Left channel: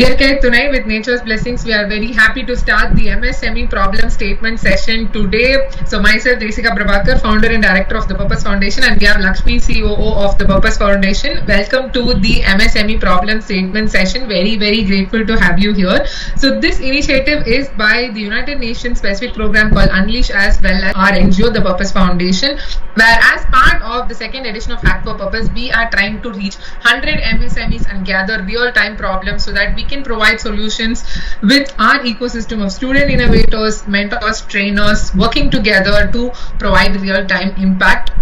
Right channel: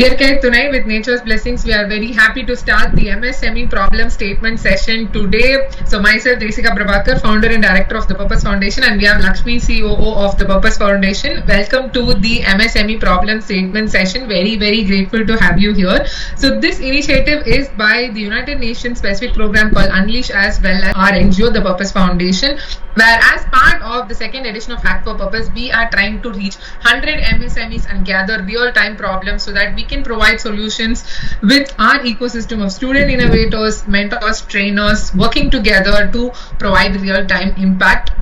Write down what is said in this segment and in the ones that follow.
Dear Kate, tonight with Nature's Blessings, we are very happy to start the MSME Problem Statement Session today. So myself, Desika Prabhakar, founder and director of the Purpose Foundation, and we have Lakshmi, COO of the Purpose Foundation. Welcome to the MSME Problem Statement Session. Very, very grateful to have you here. So this initiative is by the United Nations specific program called Unleash, as well as our NGO, the Purpose Foundation, where as part of the second edition of Hack4Purpose, we are trying to reach 100 MSMEs and gather real-time problems so that we can provide solutions with our ecosystem of student innovators, mentors, trainers working together to provide real-time impact.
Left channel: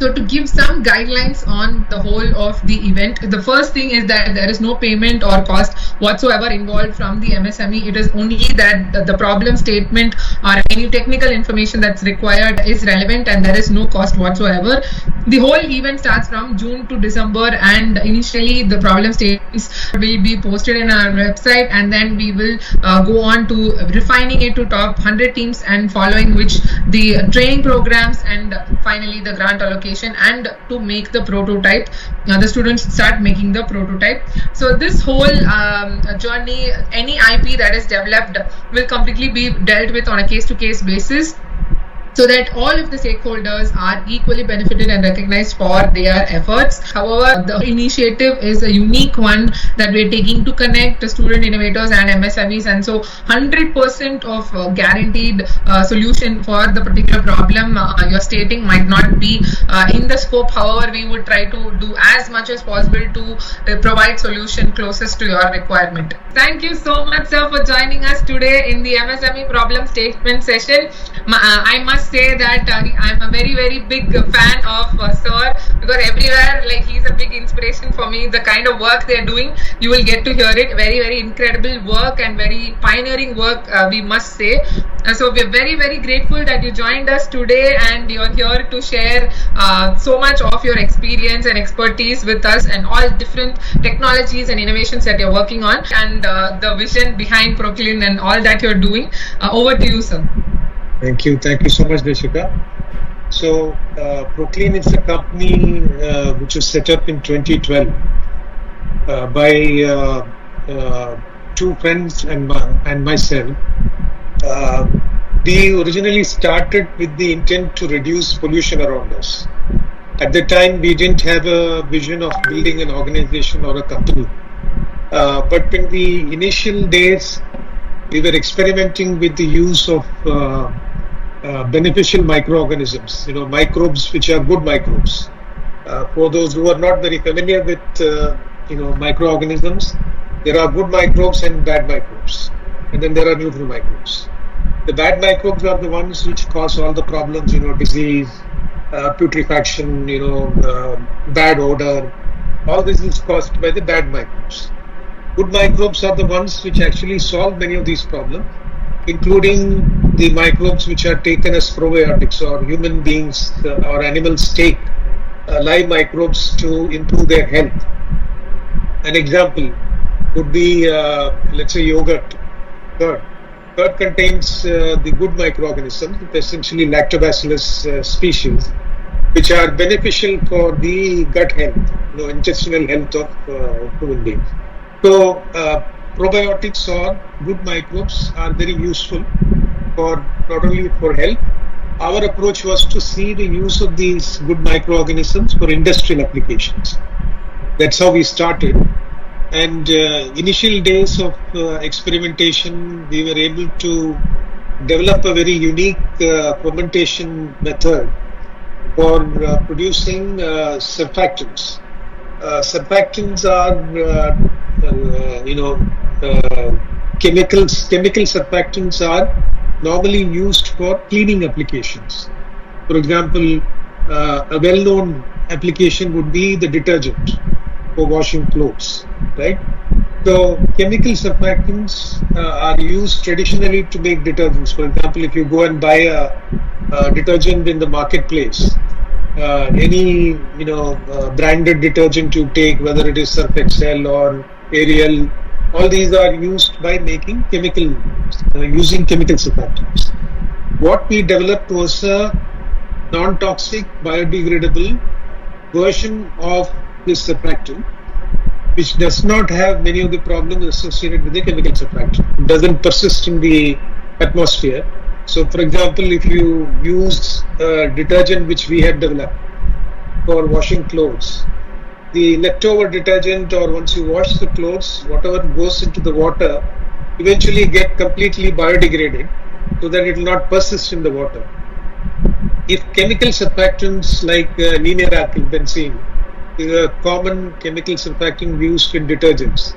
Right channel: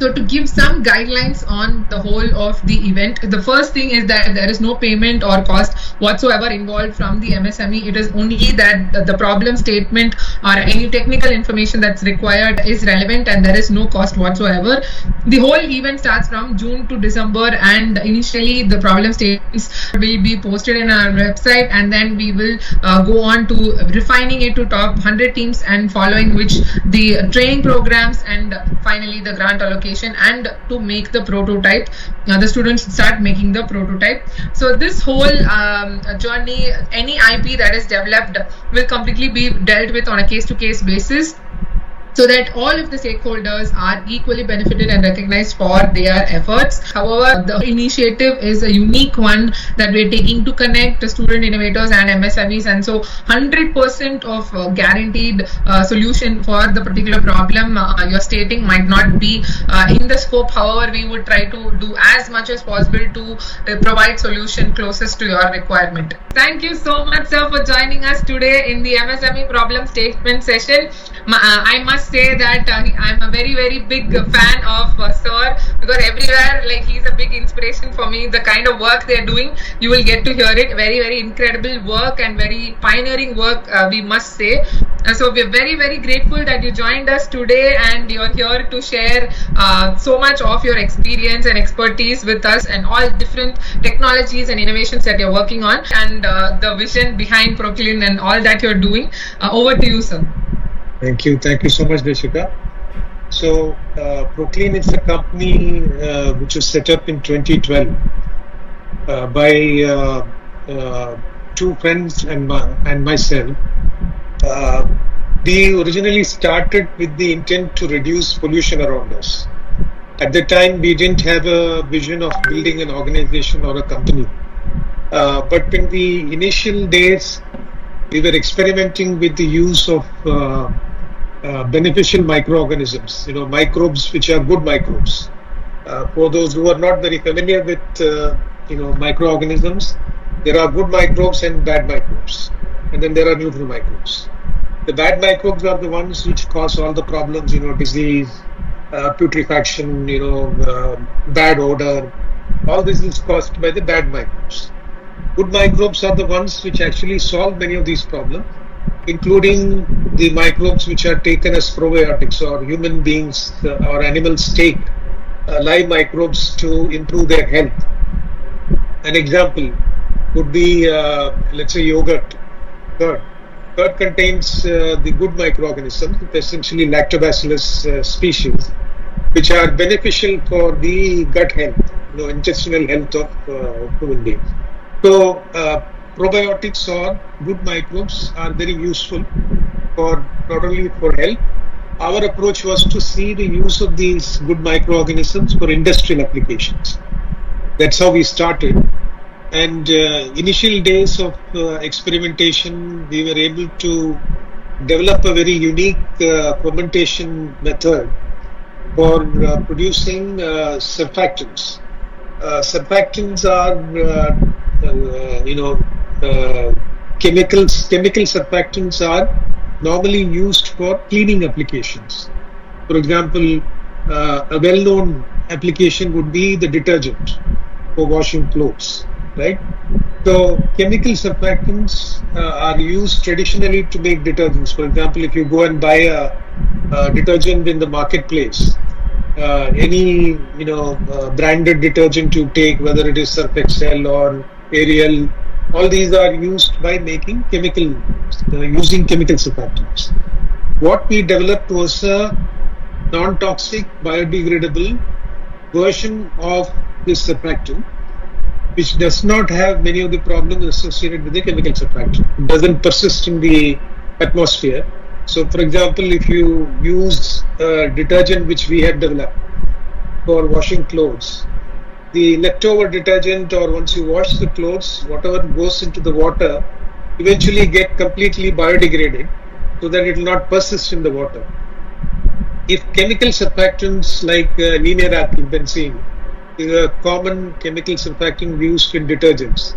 So to give some guidelines on the whole of the event, the first thing is that there is no payment or cost whatsoever involved from the MSME. It is only that the problem statement or any technical information that's required is relevant, and there is no cost whatsoever. The whole event starts from June to December, and initially the problem statements will be posted in our website, and then we will go on to refining it to top 100 teams, and following which the training programs, and finally the grant allocation, and to make the prototype. The students start making the prototype. So this whole journey, any IP that is developed will completely be dealt with on a case-to-case basis, so that all of the stakeholders are equally benefited and recognized for their efforts. However, the initiative is a unique one that we're taking to connect the student innovators and MSMEs, and so 100% of guaranteed solution for the particular problem you're stating might not be in the scope. However, we would try to do as much as possible to provide solution closest to your requirement. Thank you so much, sir, for joining us today in the MSME Problem Statement Session. I must say that I'm a very, very big fan of sir, because everywhere, like, he's a big inspiration for me. The kind of work they're doing, you will get to hear it. Very, very incredible work and very pioneering work, we must say. So we're very, very grateful that you joined us today, and you're here to share so much of your experience and expertise with us, and all different technologies and innovations that you're working on, and the vision behind Proklean and all that you're doing. Over to you, sir. Thank you so much, Deshika. So Proklean is a company which was set up in 2012 by two friends and myself. We originally started with the intent to reduce pollution around us. At the time, we didn't have a vision of building an organization or a company. But in the initial days, we were experimenting with the use of beneficial microorganisms, microbes which are good microbes. For those who are not very familiar with, microorganisms, there are good microbes and bad microbes, and then there are neutral microbes. The bad microbes are the ones which cause all the problems, disease, putrefaction, bad odor. All this is caused by the bad microbes. Good microbes are the ones which actually solve many of these problems, including the microbes which are taken as probiotics, or human beings or animals take live microbes to improve their health. An example would be, let's say, yogurt. Curd contains the good microorganisms, essentially lactobacillus species, which are beneficial for the gut health, intestinal health of human beings. So probiotics or good microbes are very useful for not only for health. Our approach was to see the use of these good microorganisms for industrial applications. That's how we started. And initial days of experimentation, we were able to develop a very unique fermentation method for producing surfactants. Surfactants are, chemical surfactants are normally used for cleaning applications. For example, a well-known application would be the detergent for washing clothes, right? So chemical surfactants are used traditionally to make detergents. For example, if you go and buy a detergent in the marketplace, any branded detergent you take, whether it is Surf Excel or Ariel, all these are used by making using chemical surfactants. What we developed was a non-toxic, biodegradable version of this surfactant, which does not have many of the problems associated with the chemical surfactant. It doesn't persist in the atmosphere. So, for example, if you use a detergent which we have developed for washing clothes, the leftover detergent, or once you wash the clothes, whatever goes into the water eventually get completely biodegraded so that it will not persist in the water. If chemical surfactants like linear alkyl benzene is a common chemical surfactant used in detergents,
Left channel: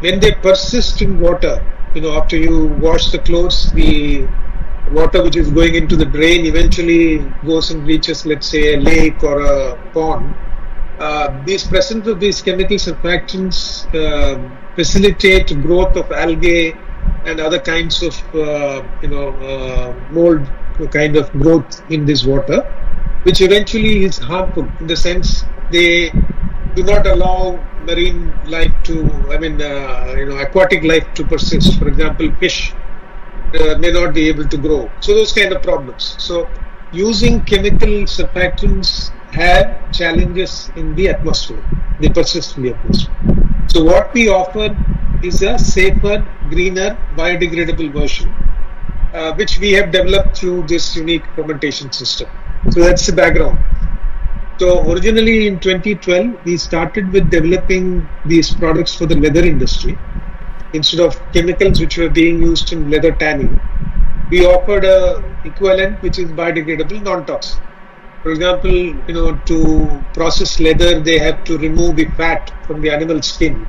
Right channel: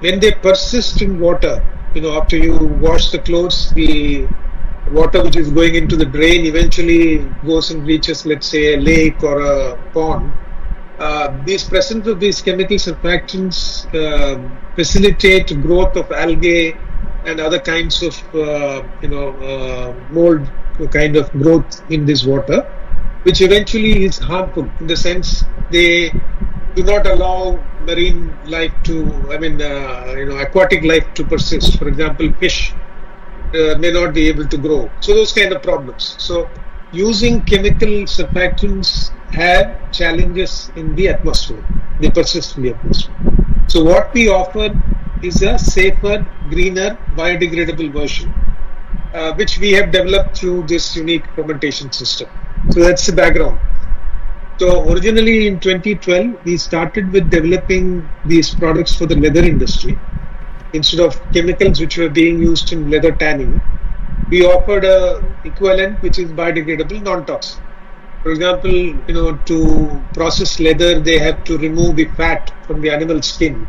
when they persist in water, after you wash the clothes, the water which is going into the drain eventually goes and reaches, let's say, a lake or a pond. These presence of these chemical surfactants facilitate growth of algae and other kinds of mold kind of growth in this water, which eventually is harmful in the sense they do not allow marine life aquatic life to persist. For example, fish may not be able to grow. So those kind of problems. So using chemical surfactants have challenges in the atmosphere. They persist in the atmosphere. So what we offer is a safer, greener, biodegradable version, which we have developed through this unique fermentation system. So that's the background. So originally in 2012, we started with developing these products for the leather industry. Instead of chemicals which were being used in leather tanning, we offered a equivalent which is biodegradable, non-toxic. For example, to process leather, they have to remove the fat from the animal skin,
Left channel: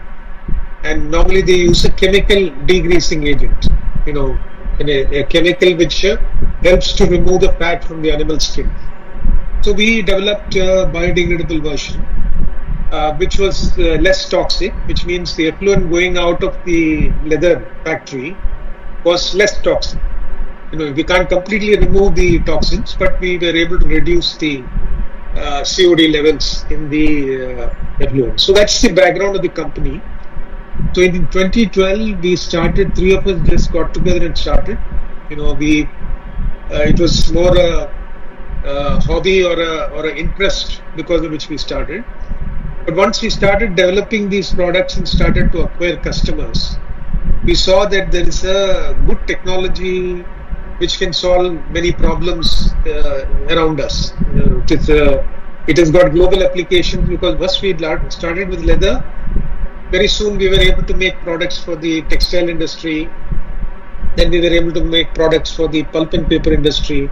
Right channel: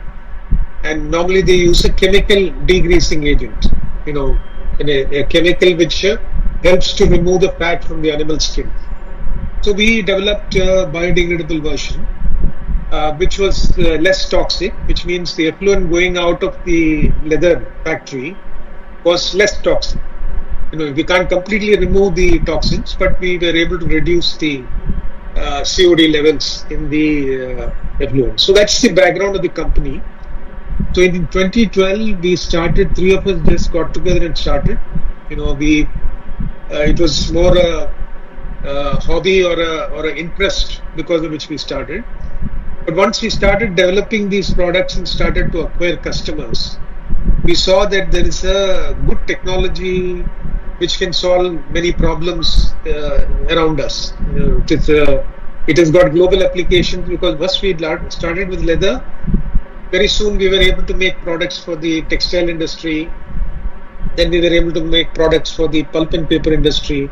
and normally they use a chemical degreasing agent. A chemical which helps to remove the fat from the animal skin. So we developed a biodegradable version, which was less toxic, which means the effluent going out of the leather factory was less toxic. We can't completely remove the toxins, but we were able to reduce the COD levels in the effluent. So that's the background of the company. So in 2012, we started, three of us just got together and started. It was more a hobby or an interest because of which we started. But once we started developing these products and started to acquire customers, we saw that there is a good technology which can solve many problems around us. It has got global applications because once we started with leather, very soon we were able to make products for the textile industry. Then we were able to make products for the pulp and paper industry.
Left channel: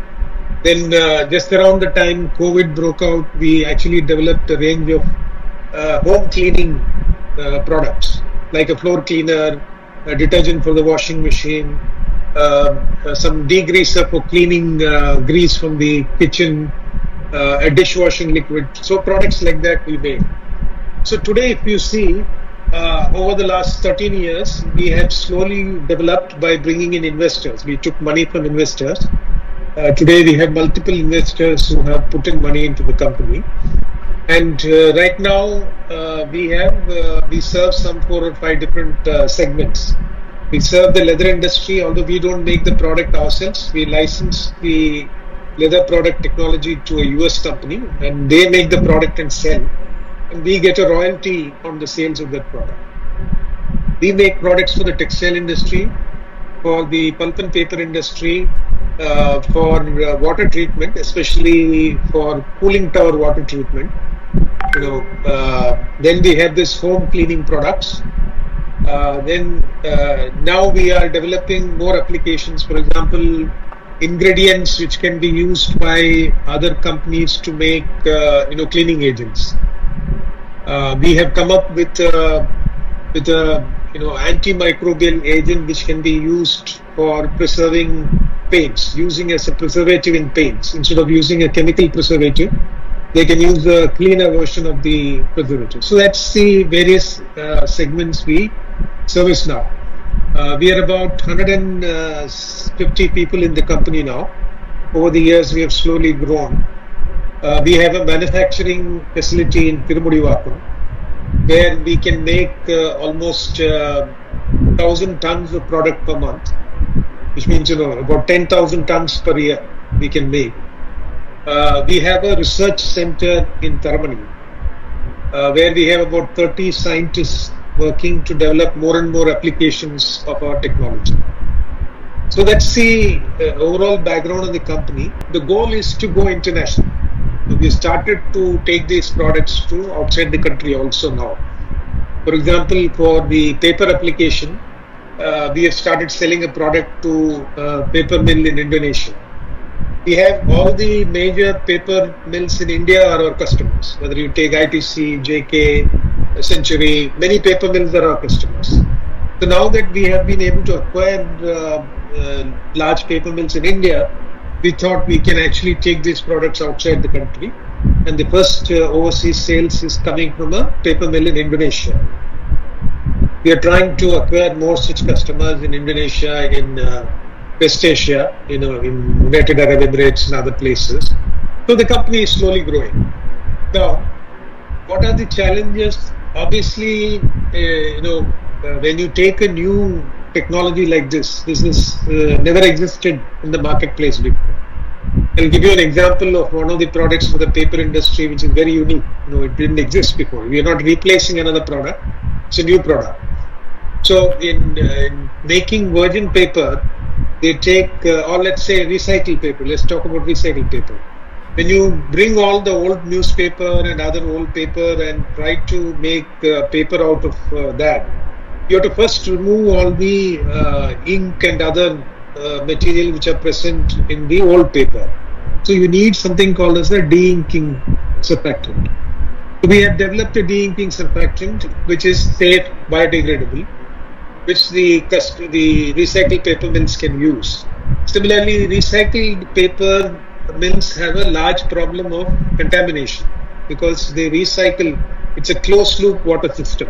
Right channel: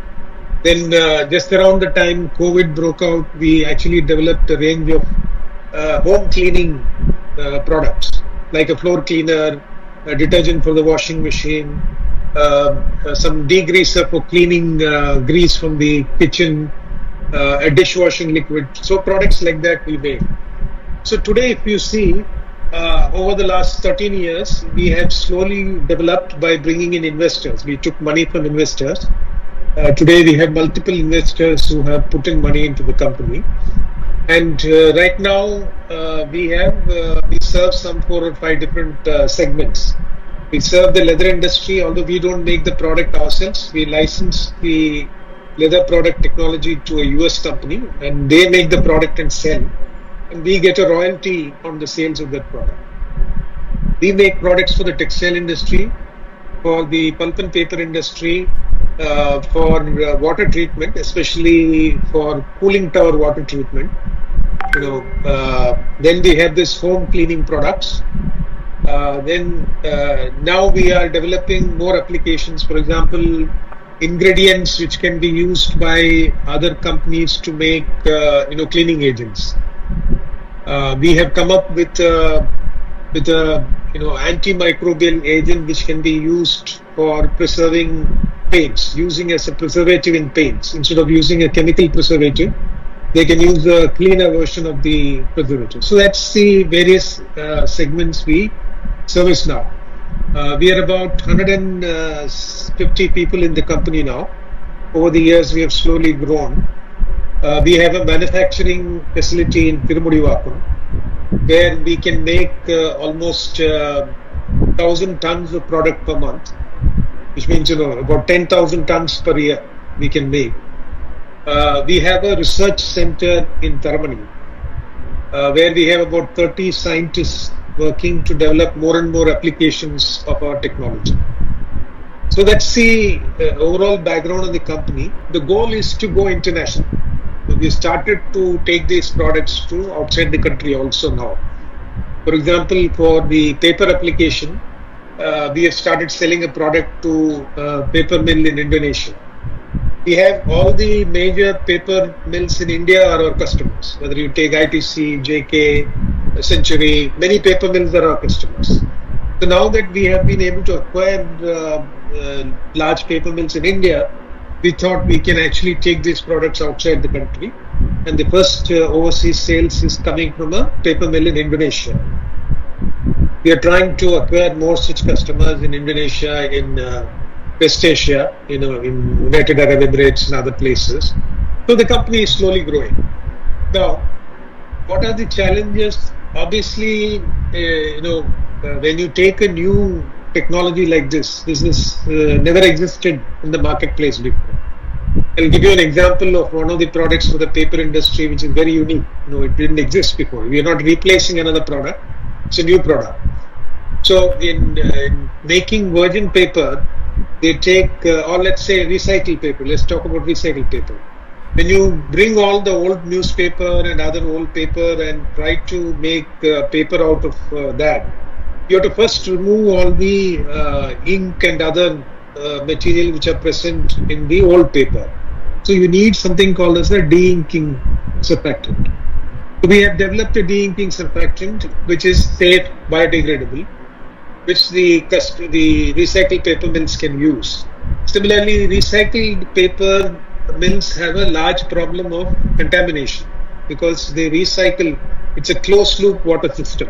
Then just around the time COVID broke out, we actually developed a range of home cleaning products like a floor cleaner, a detergent for the washing machine, some degreaser for cleaning grease from the kitchen, a dishwashing liquid. So products like that we made. So today, if you see, over the last 13 years, we have slowly developed by bringing in investors. We took money from investors. Today, we have multiple investors who have put in money into the company. And right now, we serve some 4 or 5 different segments. We serve the leather industry, although we don't make the product ourselves. We license the leather product technology to a US company, and they make the product and sell. And we get a royalty on the sales of that product. We make products for the textile industry, for the pulp and paper industry, for water treatment, especially for cooling tower water treatment. Then we have this home cleaning products. Now we are developing more applications. For example, ingredients which can be used by other companies to make cleaning agents. We have come up with a antimicrobial agent which can be used for preserving paints, using as a preservative in paints. Instead of using a chemical preservative, they can use a cleaner version of the preservative. So that's the various segments we service now. We are about 150 people in the company now. Over the years, we have slowly grown. We have a manufacturing facility in Tirumudivakkam, where we can make almost 1,000 tons of product per month, which means about 10,000 tons per year we can make. We have a research center in Taramani, where we have about 30 scientists working to develop more and more applications of our technology. So that's the overall background of the company. The goal is to go international. We started to take these products to outside the country also now. For example, for the paper application, we have started selling a product to a paper mill in Indonesia. We have all the major paper mills in India are our customers. Whether you take ITC, JK, Century, many paper mills are our customers. So now that we have been able to acquire large paper mills in India, we thought we can actually take these products outside the country. And the first overseas sales is coming from a paper mill in Indonesia. We are trying to acquire more such customers in Indonesia, in West Asia, in United Arab Emirates and other places. So the company is slowly growing. Now, what are the challenges? Obviously, when you take a new technology like this is never existed in the marketplace before. I'll give you an example of one of the products for the paper industry, which is very unique. It didn't exist before. We are not replacing another product. It's a new product. So in making virgin paper, they take, or let's say recycled paper. Let's talk about recycled paper. When you bring all the old newspaper and other old paper and try to make paper out of that, you have to first remove all the ink and other material which are present in the old paper. So you need something called as a de-inking surfactant. So we have developed a de-inking surfactant which is safe, biodegradable, which the recycled paper mills can use. Similarly, recycled paper mills have a large problem of contamination because they recycle. It's a closed loop water system.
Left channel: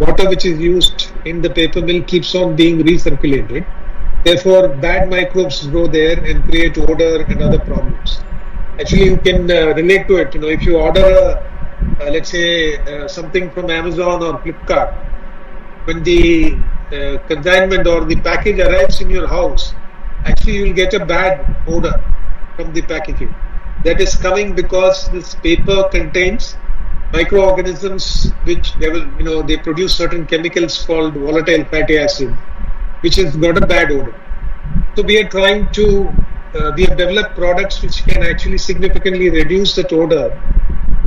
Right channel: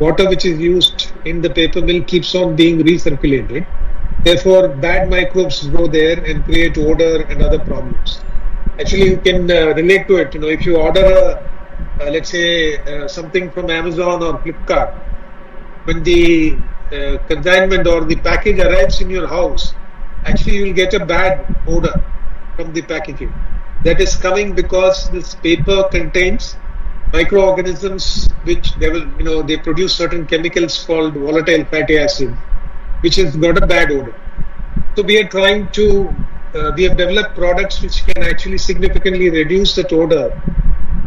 Water which is used in the paper mill keeps on being recirculated. Therefore, bad microbes grow there and create odor and other problems. Actually, you can relate to it. If you order, let's say, something from Amazon or Flipkart, when the consignment or the package arrives in your house, actually you will get a bad odor from the packaging. That is coming because this paper contains microorganisms which they produce certain chemicals called volatile fatty acid, which has got a bad odor. So we are trying to, we have developed products which can actually significantly reduce that odor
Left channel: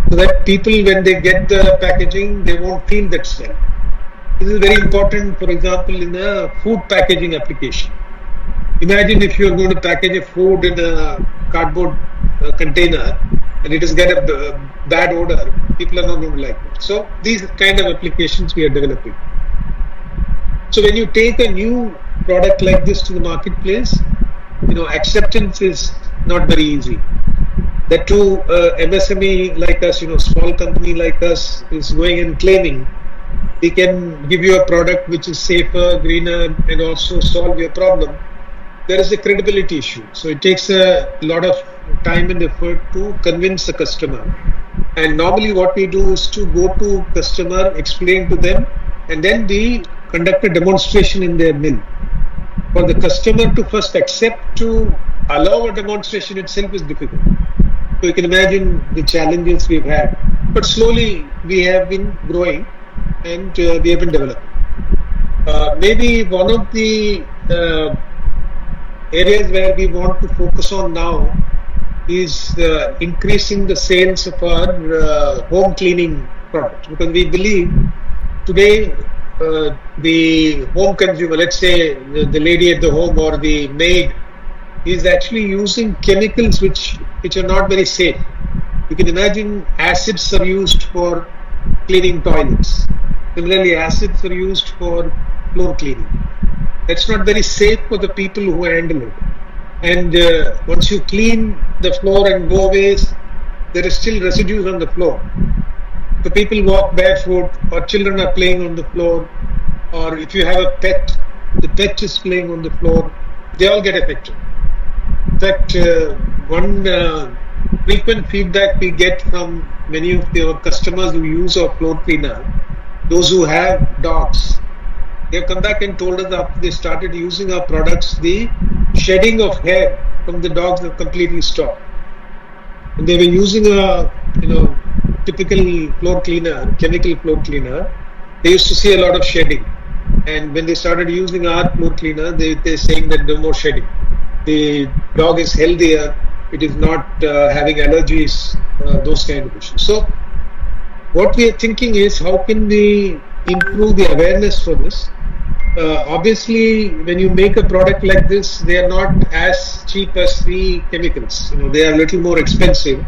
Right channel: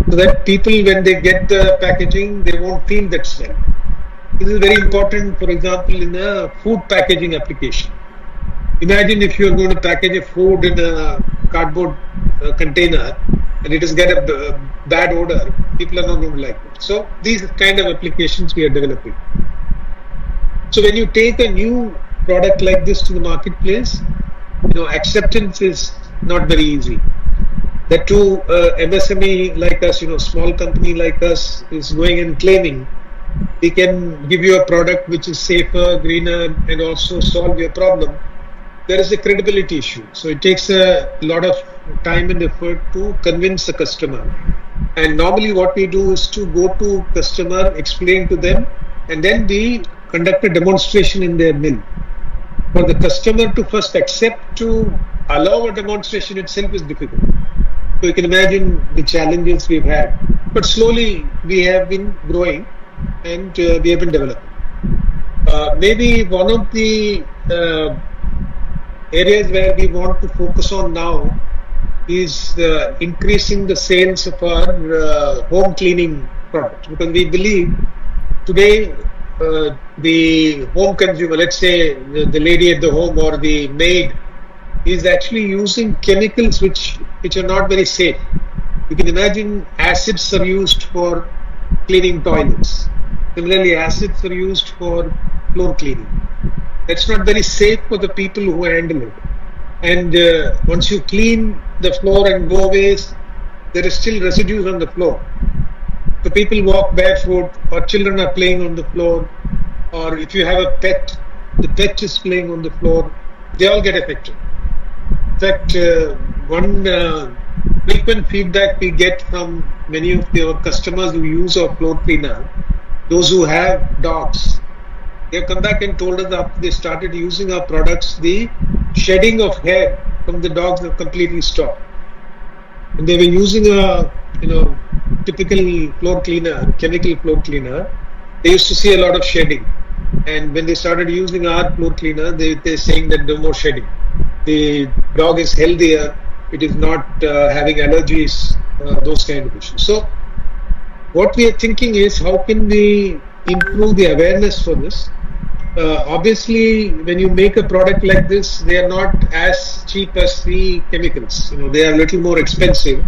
so that people, when they get the packaging, they won't feel that smell. This is very important, for example, in a food packaging application. Imagine if you are going to package a food in a cardboard container and it has got a bad odor, people are not going to like it. So these kind of applications we are developing. So when you take a new product like this to the marketplace, acceptance is not very easy. That too, MSME like us, small company like us is going and claiming we can give you a product which is safer, greener, and also solve your problem. There is a credibility issue. So it takes a lot of time and effort to convince the customer. And normally what we do is to go to customer, explain to them, and then we conduct a demonstration in their mill. For the customer to first accept to allow a demonstration itself is difficult. So you can imagine the challenges we've had. But slowly we have been growing and we have been developing. Maybe one of the areas where we want to focus on now is increasing the sales of our home cleaning products, because we believe today the home consumer, let's say the lady at the home or the maid, is actually using chemicals which are not very safe. You can imagine acids are used for cleaning toilets. Similarly, acids are used for floor cleaning. That's not very safe for the people who handle it. And once you clean the floor and go away, there is still residues on the floor. So people walk barefoot, or children are playing on the floor, or if you have a pet, the pet is playing on the floor, they all get affected. In fact, one frequent feedback we get from many of our customers who use our floor cleaner, those who have dogs, they have come back and told us after they started using our products, the shedding of hair from the dogs have completely stopped. And they were using a typical floor cleaner, chemical floor cleaner, they used to see a lot of shedding. And when they started using our floor cleaner, they're saying that no more shedding. The dog is healthier. It is not having allergies, those kind of issues. So what we are thinking is, how can we improve the awareness for this? Obviously, when you make a product like this, they are not as cheap as the chemicals. They are a little more expensive.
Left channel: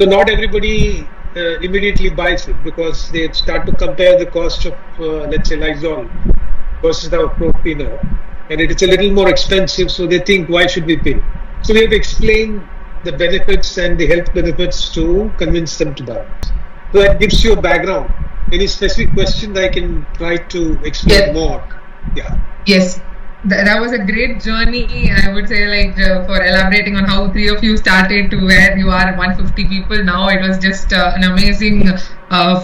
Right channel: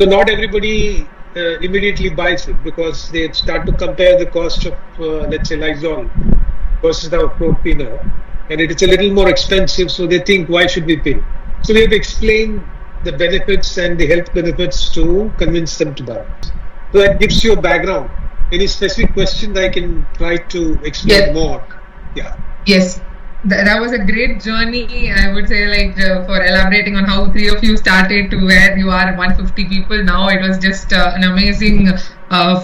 So not everybody immediately buys it, because they start to compare the cost of, let's say, Lysol versus our floor cleaner, and it is a little more expensive. So they think, why should we pay? So we have to explain the benefits and the health benefits to convince them to buy it. So that gives you a background. Any specific questions I can try to explain more? Yeah. Yes. That was a great journey, I would say, for elaborating on how three of you started to where you are, 150 people now. It was just an amazing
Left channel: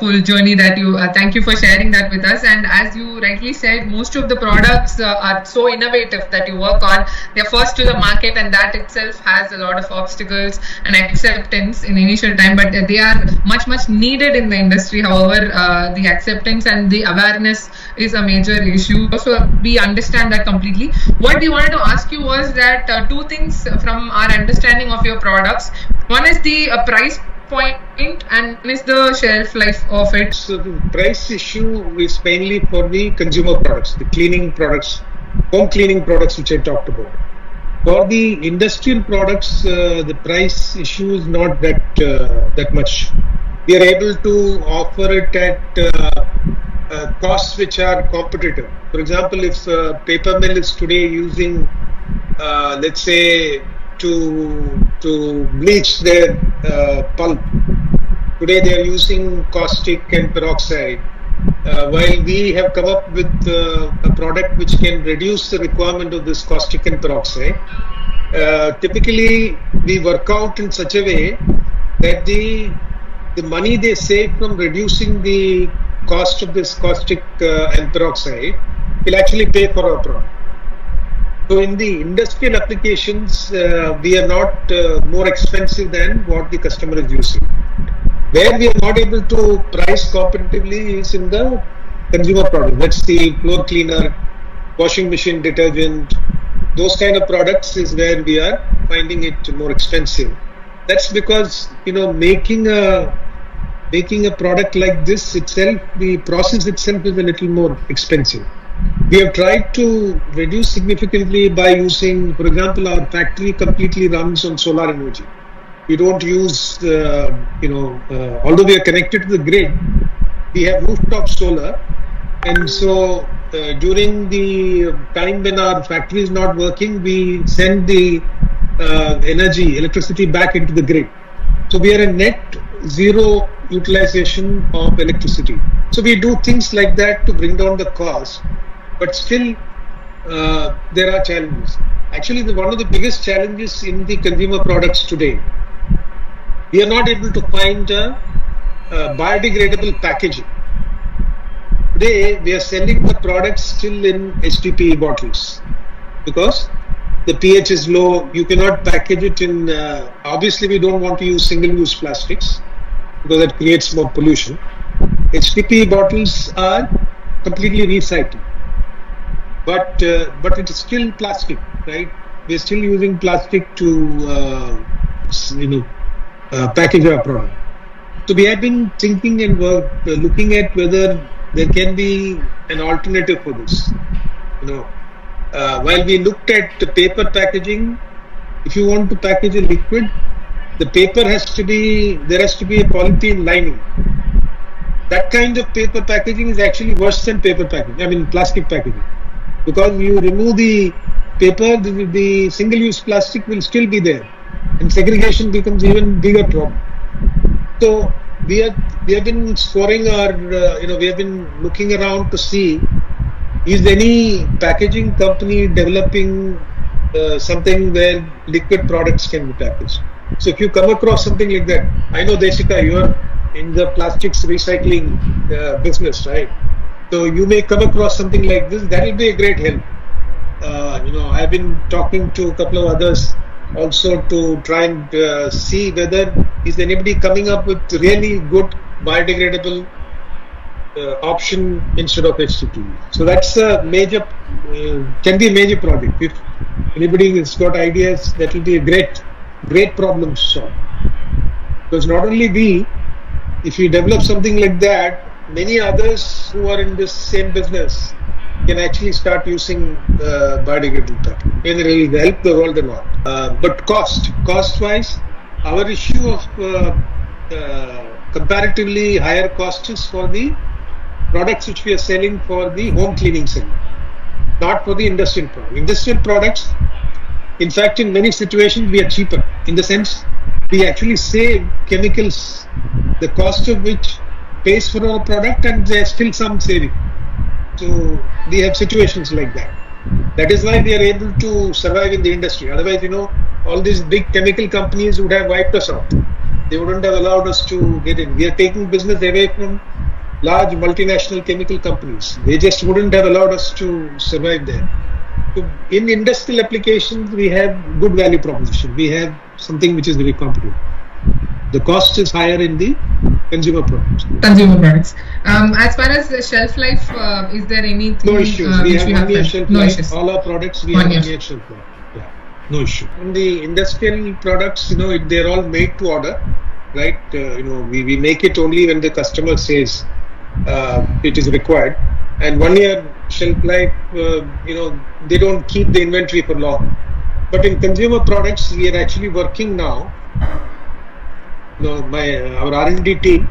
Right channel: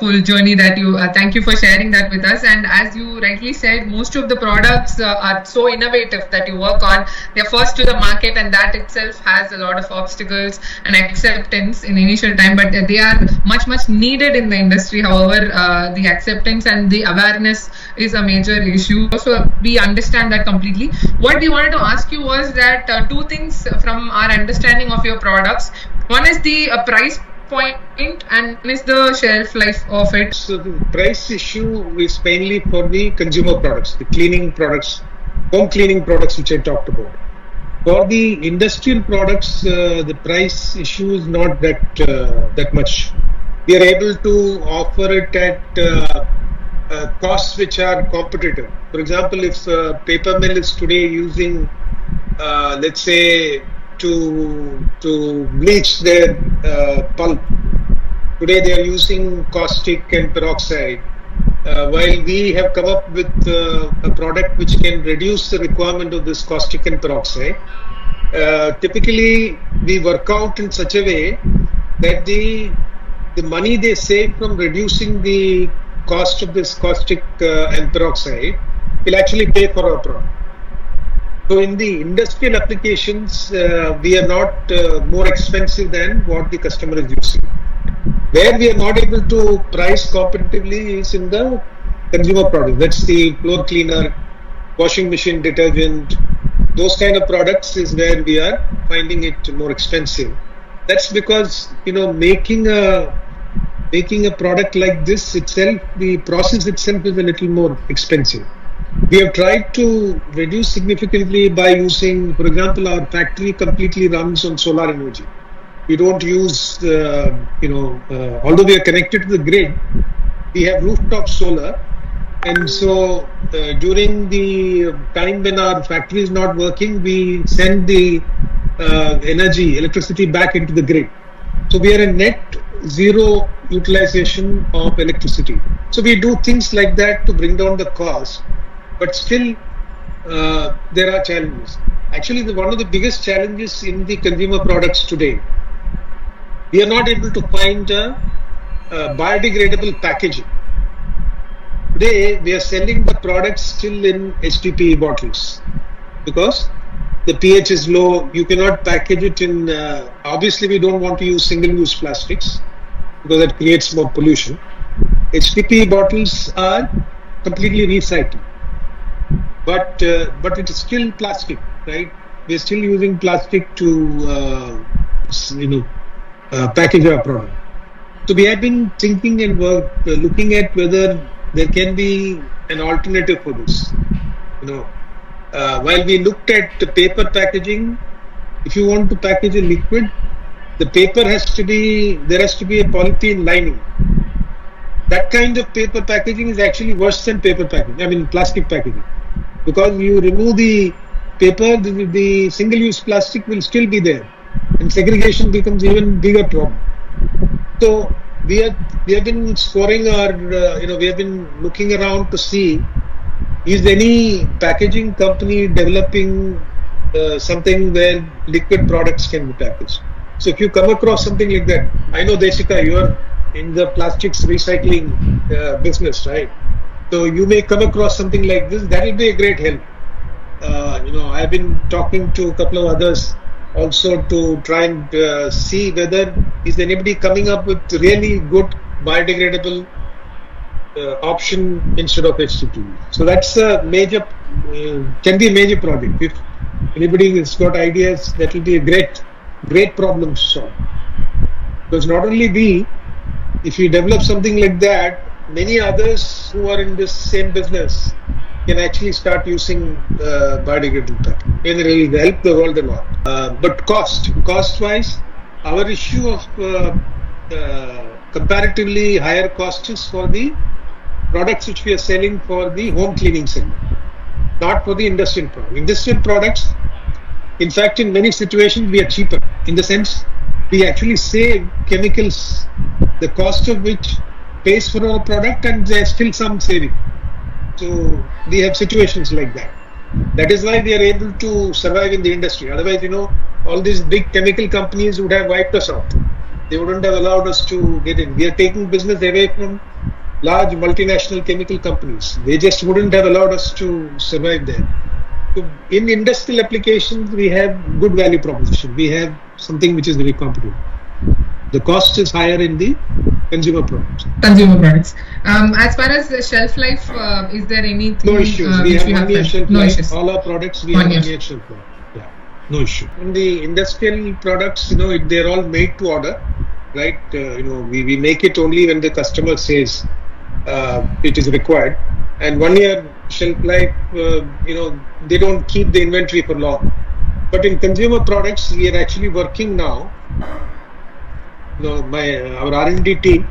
full journey that you, thank you for sharing that with us. And as you rightly said, most of the products are so innovative that you work on. They're first to the market, and that itself has a lot of obstacles and acceptance in initial time, but they are much, much needed in the industry. However, the acceptance and the awareness is a major issue. So we understand that completely. What we wanted to ask you was that two things from our understanding of your products. One is the price point, and one is the shelf life of it. So the price issue is mainly for the consumer products, the cleaning products, home cleaning products, which I talked about. For the industrial products, the price issue is not that much. We are able to offer it at costs which are competitive. For example, if a paper mill is today using, let's say, to bleach their pulp, today they are using caustic and peroxide, while we have come up with a product which can reduce the requirement of this caustic and peroxide. Typically, we work out in such a way that the money they save from reducing the cost of this caustic and peroxide will actually pay for our product. So in the industrial applications, we are not more expensive than what the customer is using. Where we are not able to price competitively is in the consumer products. That's the floor cleaner, washing machine detergent. Those kind of products is where we are finding it more expensive. That's because, making a product like this itself, the process itself is a little more expensive. We have tried to reduce significantly by using, for example, our factory completely runs on solar energy. We don't use, although we are connected to the grid, we have rooftop solar. And so during the time when our factory is not working, we send the electricity back into the grid. So we are a net zero utilization of electricity. So we do things like that to bring down the cost. But still, there are challenges. Actually, one of the biggest challenges in the consumer products today, we are not able to find a biodegradable packaging. Today, we are selling the products still in HDPE bottles because the pH is low. You cannot package it in. Obviously, we don't want to use single-use plastics because that creates more pollution. HDPE bottles are completely recycled. But it is still plastic, right? We're still using plastic to, package our product. So we have been thinking and looking at whether there can be an alternative for this. While we looked at the paper packaging, if you want to package a liquid, the paper there has to be a polythene lining. That kind of paper packaging is actually worse than plastic packaging. Because you remove the paper, the single-use plastic will still be there, and segregation becomes even bigger problem. So we have been scoring we have been looking around to see, is any packaging company developing something where liquid products can be packaged. So if you come across something like that, I know Desika, you are in the plastics recycling business, right? So you may come across something like this. That will be a great help. I've been talking to a couple of others also to try and see whether is anybody coming up with really good biodegradable option instead of HTTP. So that's a major, can be a major project. If anybody has got ideas, that will be a great problem to solve. Because not only we, if we develop something like that, many others who are in this same business can actually start using biodegradable packaging, and it will help the world a lot. But cost-wise, our issue of comparatively higher costs for the products which we are selling for the home cleaning segment, not for the industrial product. Industrial products, in fact, in many situations, we are cheaper in the sense we actually save chemicals, the cost of which pays for our product, and there's still some saving. So we have situations like that. That is why we are able to survive in the industry. Otherwise, all these big chemical companies would have wiped us out. They wouldn't have allowed us to get in. We are taking business away from large multinational chemical companies. They just wouldn't have allowed us to survive there. So in industrial applications, we have good value proposition. We have something which is very competitive. The cost is higher in the consumer products. As far as the shelf life, is there anything? No issues. We have 1 year shelf life. No issues. All our products, we have 1 year shelf life. Yeah, no issue. In the industrial products, they're all made to order, right? We make it only when the customer says it is required. And 1 year shelf life, they don't keep the inventory for long. But in consumer products, we are actually working now. Our R&D team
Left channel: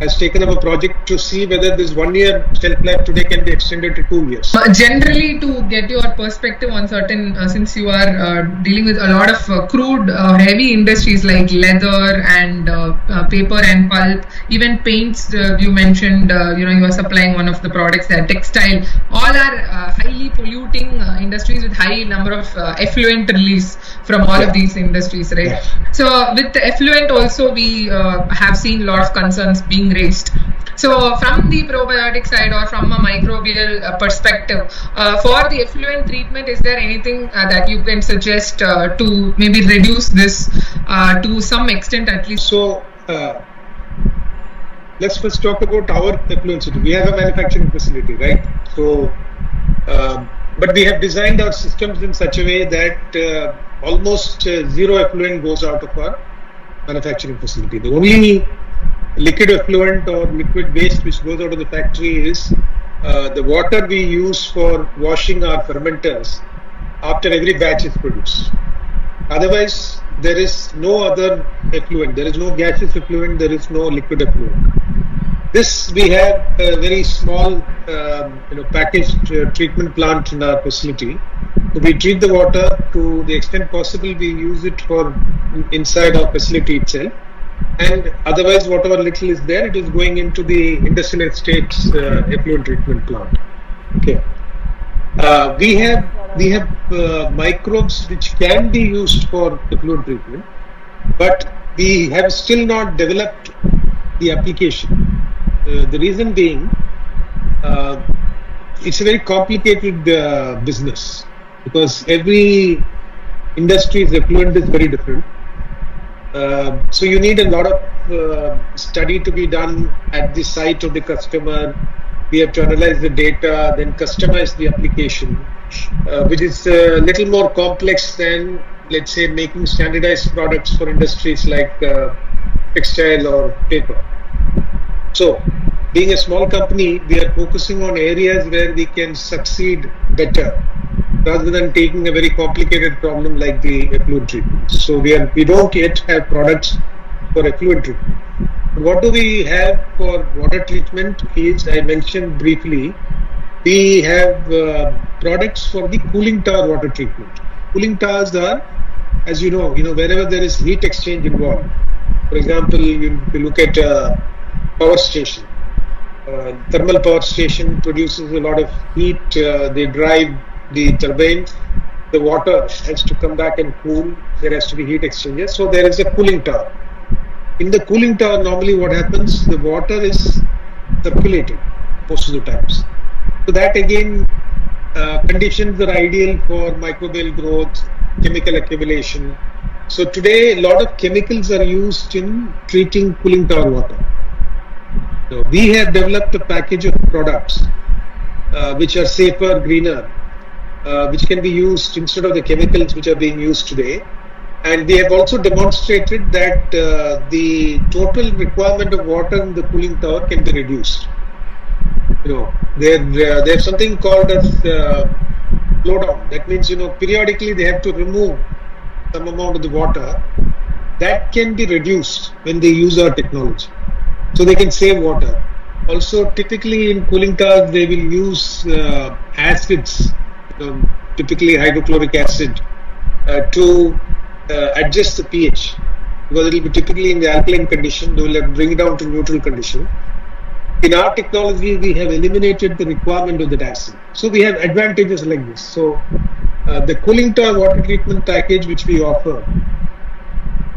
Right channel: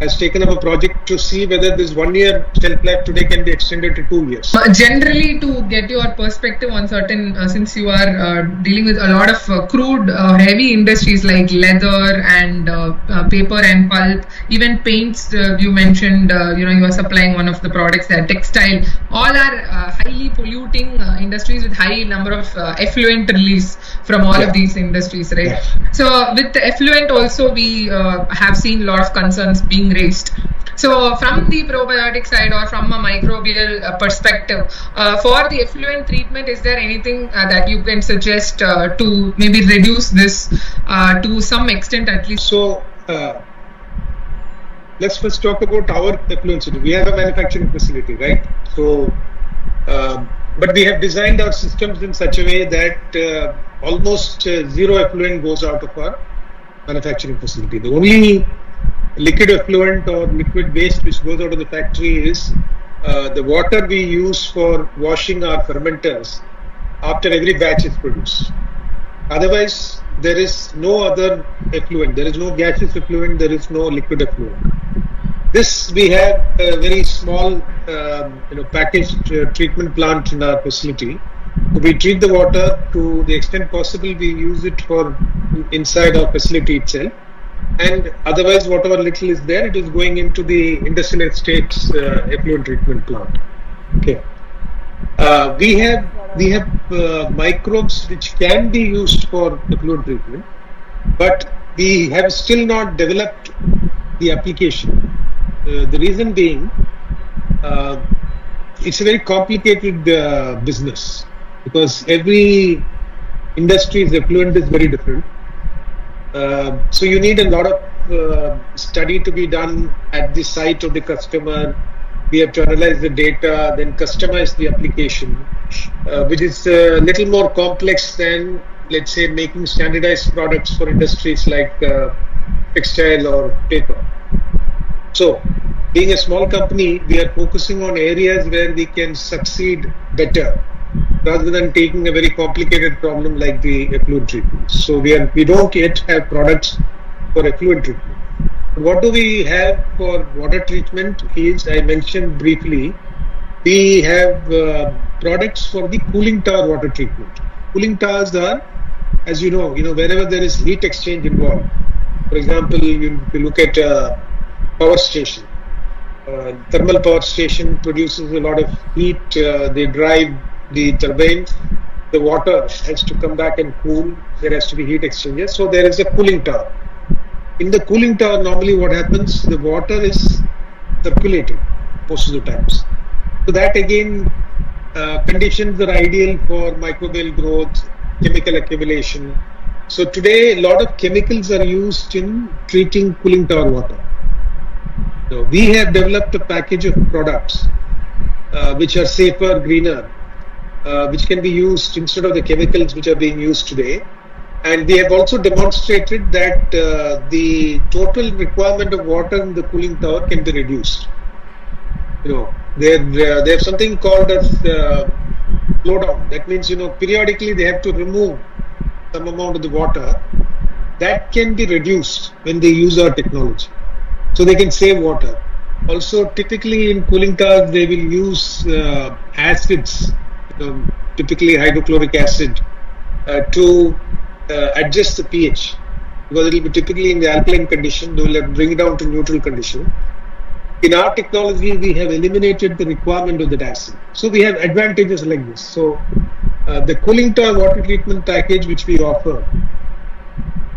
has taken up a project to see whether this 1 year shelf life today can be extended to 2 years. Generally, to get your perspective on certain, since you are dealing with a lot of crude, heavy industries like leather and paper and pulp, even paints, you mentioned, you are supplying one of the products that textile, all are highly polluting industries with high number of effluent release from all of these industries, right? Yeah. So with the effluent also, we have seen a lot of concerns being raised. So from the probiotic side or from a microbial perspective, for the effluent treatment, is there anything that you can suggest to maybe reduce this to some extent at least? So let's first talk about our effluent city. We have a manufacturing facility, right? So, but we have designed our systems in such a way that almost zero effluent goes out of our manufacturing facility. The only liquid effluent or liquid waste which goes out of the factory is the water we use for washing our fermenters after every batch is produced. Otherwise, there is no other effluent. There is no gaseous effluent. There is no liquid effluent. This we have a very small, packaged treatment plant in our facility. So we treat the water to the extent possible. We use it for inside our facility itself. And otherwise, whatever little is there, it is going into the industrial estates effluent treatment plant. Okay. We have microbes which can be used for effluent treatment, but we have still not developed the application. The reason being, it's a very complicated business because every industry's effluent is very different. So you need a lot of study to be done at the site of the customer. We have to analyze the data, then customize the application, which is a little more complex than, let's say, making standardized products for industries like textile or paper. So, being a small company, we are focusing on areas where we can succeed better, rather than taking a very complicated problem like the effluent treatment. So we don't yet have products for effluent treatment. What do we have for water treatment is, I mentioned briefly, we have products for the cooling tower water treatment. Cooling towers are, as you know, wherever there is heat exchange involved. For example, you look at a power station. Thermal power station produces a lot of heat. They drive the turbine, the water has to come back and cool. There has to be heat exchangers. So there is a cooling tower. In the cooling tower, normally what happens, the water is circulating most of the times. So that again, conditions are ideal for microbial growth, chemical accumulation. So today, a lot of chemicals are used in treating cooling tower water. So we have developed a package of products which are safer, greener, which can be used instead of the chemicals which are being used today. And we have also demonstrated that the total requirement of water in the cooling tower can be reduced. There's something called as flow down. That means, periodically they have to remove some amount of the water. That can be reduced when they use our technology. So they can save water. Also, typically in cooling towers, they will use acids, typically hydrochloric acid, to adjust the pH, because it will be typically in the alkaline condition. They will bring it down to neutral condition. In our technology, we have eliminated the requirement of that acid. So we have advantages like this. So the cooling tower water treatment package which we offer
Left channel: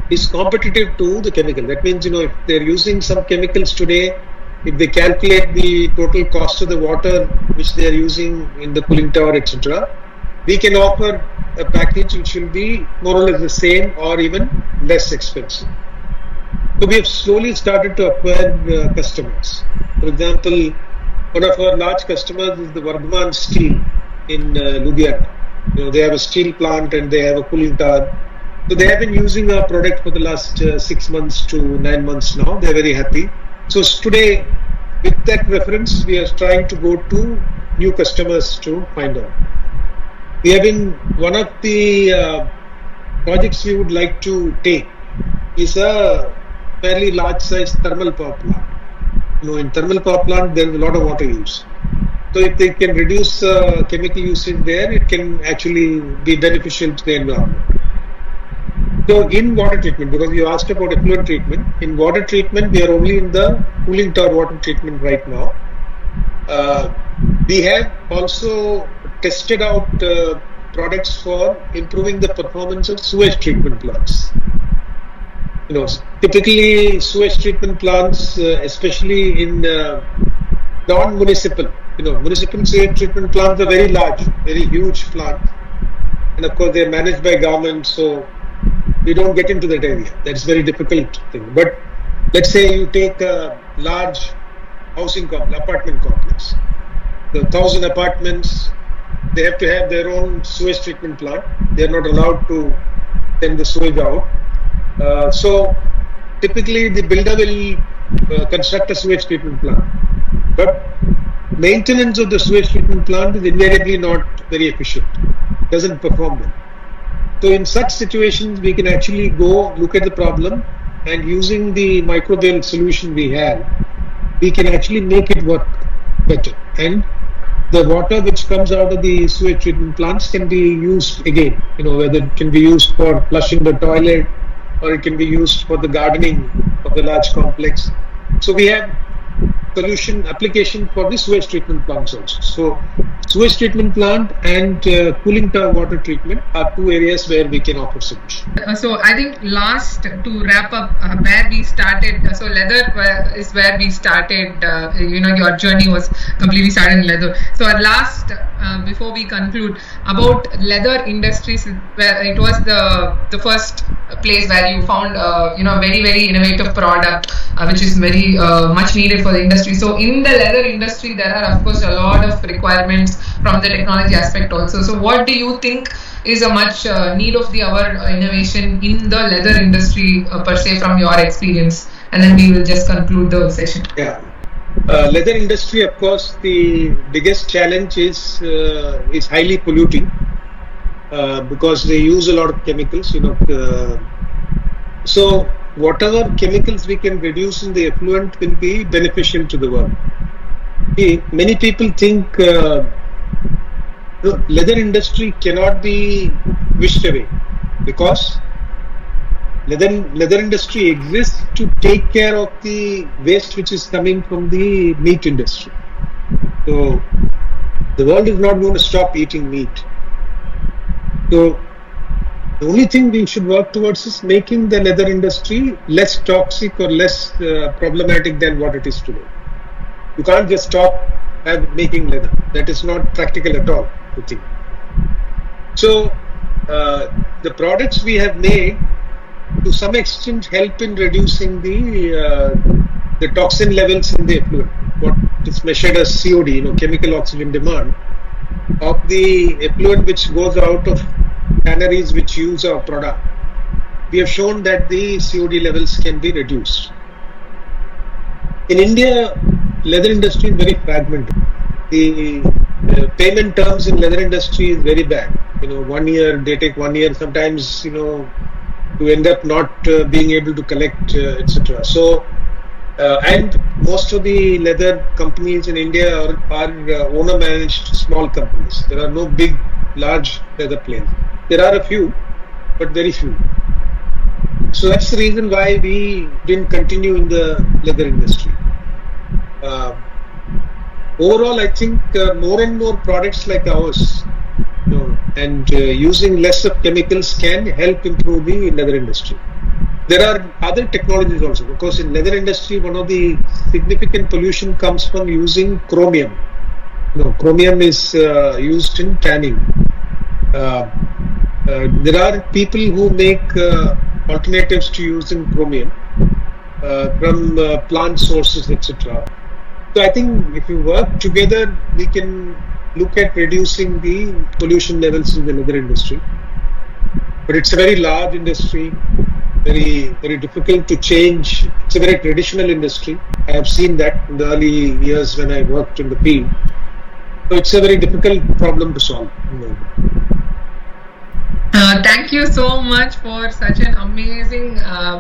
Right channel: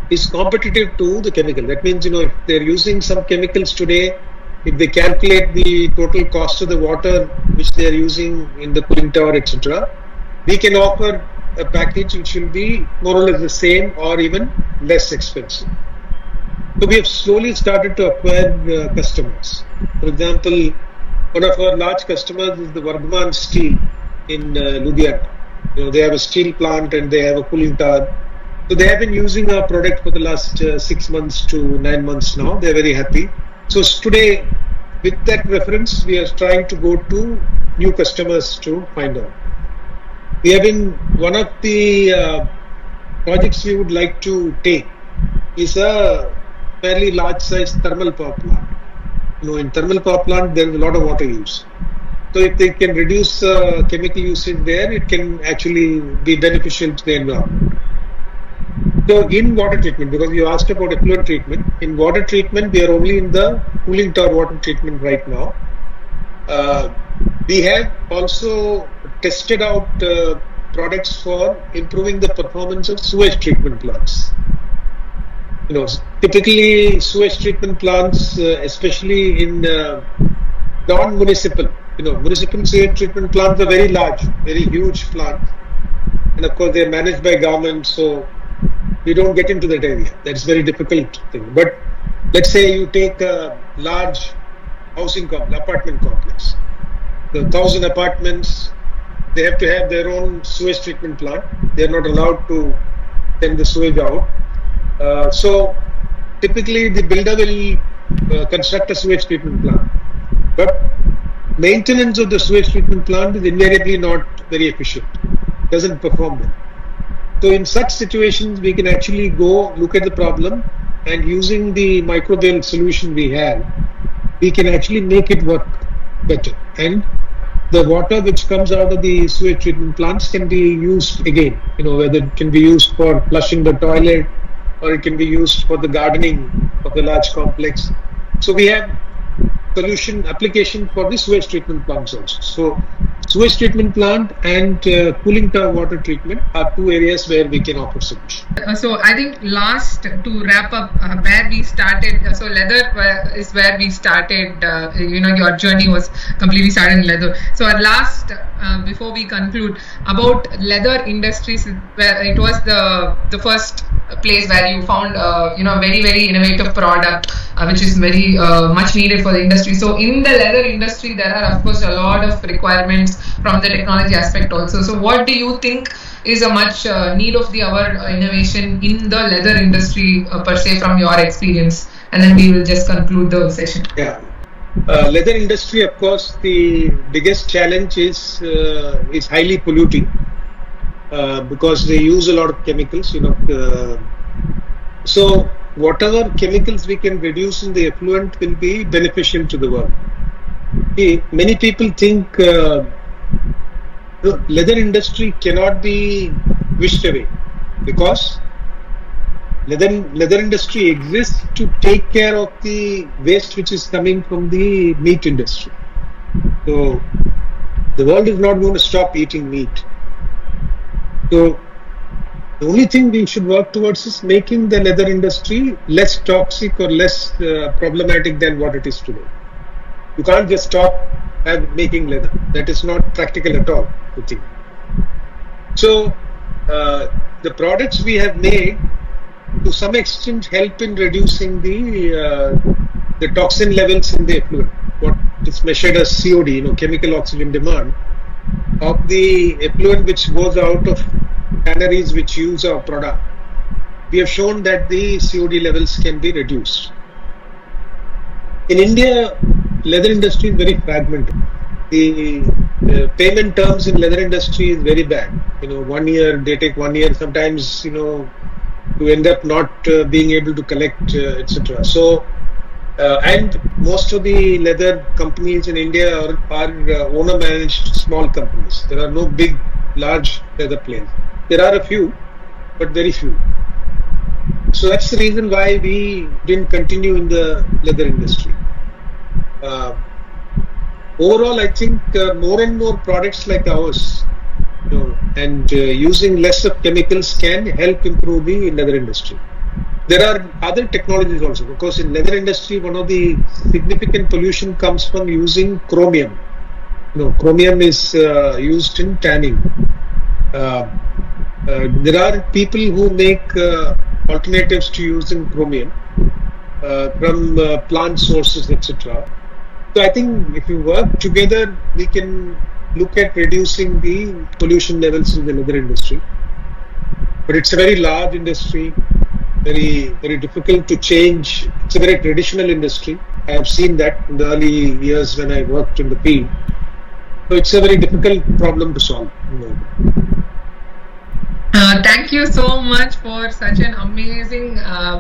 is competitive to the chemical. That means, if they're using some chemicals today, if they calculate the total cost of the water which they are using in the cooling tower, etc., we can offer a package which will be more or less the same or even less expensive. So we have slowly started to acquire customers. For example, one of our large customers is the Vardhaman Steel in Ludhiana. They have a steel plant and they have a cooling tower. So they have been using our product for the last 6 months to 9 months now. They're very happy. So today, with that reference, we are trying to go to new customers to find out. We have been, one of the projects we would like to take is a fairly large size thermal power plant. In thermal power plant, there is a lot of water use. So if they can reduce chemical usage there, it can actually be beneficial to the environment. So in water treatment, because you asked about effluent treatment, in water treatment, we are only in the cooling tower water treatment right now. We have also tested out products for improving the performance of sewage treatment plants. Typically sewage treatment plants, especially in non-municipal, municipal sewage treatment plants are very large, very huge plants. And of course, they're managed by government, so we don't get into that area. That's very difficult thing. But let's say you take a large housing complex, apartment complex. The 1,000 apartments, they have to have their own sewage treatment plant. They're not allowed to send the sewage out. So typically the builder will construct a sewage treatment plant. But maintenance of the sewage treatment plant is invariably not very efficient. It doesn't perform well. So in such situations, we can actually go look at the problem, and using the microbial solution we have, we can actually make it work better. And the water which comes out of the sewage treatment plants can be used again, whether it can be used for flushing the toilet or it can be used for the gardening of the large complex. So we have solution application for the sewage treatment plants also. So sewage treatment plant and cooling tower water treatment are two areas where we can offer solution. So I think last to wrap up where we started. So leather is where we started. Your journey was completely started in leather. So at last, before we conclude, about leather industries, where it was the first place where you found very very innovative product which is very much needed for the industry. So in the leather industry, there are of course a lot of requirements from the technology aspect also. So what do you think is a much need of the hour innovation in the leather industry per se, from your experience? And then we will just conclude the session. Yeah. Leather industry, of course, the biggest challenge is highly polluting because they use a lot of chemicals. So whatever chemicals we can reduce in the effluent will be beneficial to the world. Many people think leather industry cannot be wished away, because leather industry exists to take care of the waste which is coming from the meat industry. So the world is not going to stop eating meat. So the only thing we should work towards is making the leather industry less toxic or less problematic than what it is today. You can't just stop making leather. That is not practical at all, I think. So the products we have made to some extent help in reducing the toxin levels in the effluent. What is measured as COD, chemical oxygen demand, of the effluent which goes out of tanneries which use our product. We have shown that the COD levels can be reduced. In India, leather industry is very fragmented. The payment terms in leather industry is very bad. 1 year, they take 1 year, sometimes, to end up not being able to collect, etc. So, and most of the leather companies in India are owner-managed small companies. There are no big, large leather players. There are a few, but very few. So that's the reason why we didn't continue in the leather industry. Overall, I think more and more products like ours, and using less of chemicals can help improve the leather industry. There are other technologies also. Of course, in leather industry, one of the significant pollution comes from using chromium. Chromium is used in tanning. There are people who make alternatives to using chromium from plant sources, etc. So I think if you work together, we can look at reducing the pollution levels in the leather industry. But it's a very large industry, very, very difficult to change. It's a very traditional industry. I have seen that in the early years when I worked in the field. So it's a very difficult problem to solve. Thank you so much for such an amazing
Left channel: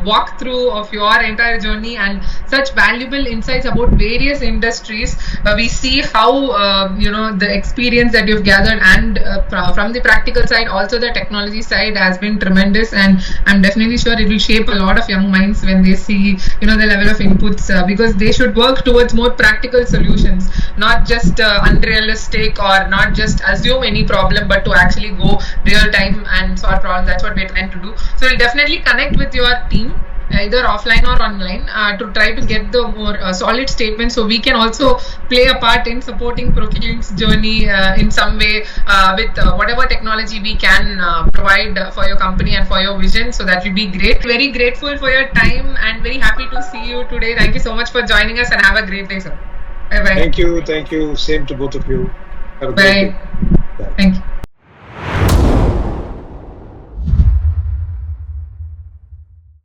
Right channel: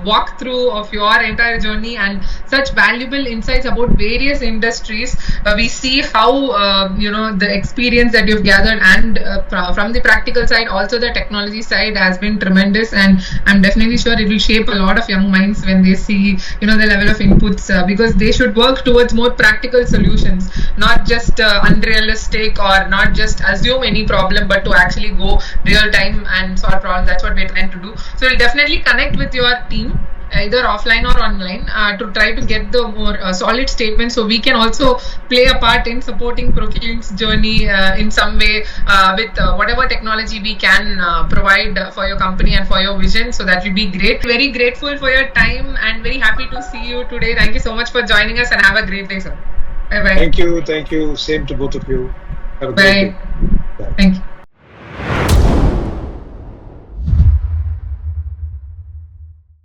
walkthrough of your entire journey and such valuable insights about various industries. We see how the experience that you've gathered, and from the practical side, also the technology side has been tremendous. And I'm definitely sure it will shape a lot of young minds when they see the level of inputs, because they should work towards more practical solutions, not just unrealistic or not just assume any problem, but to actually go real time and solve problems. That's what we're trying to do. So we'll definitely connect with your team, either offline or online, to try to get the more solid statement, so we can also play a part in supporting Proklean's journey in some way with whatever technology we can provide for your company and for your vision. So that will be great. Very grateful for your time and very happy to see you today. Thank you so much for joining us and have a great day, sir. Bye bye. Thank you. Same to both of you. Have a great day. Bye. Thank you.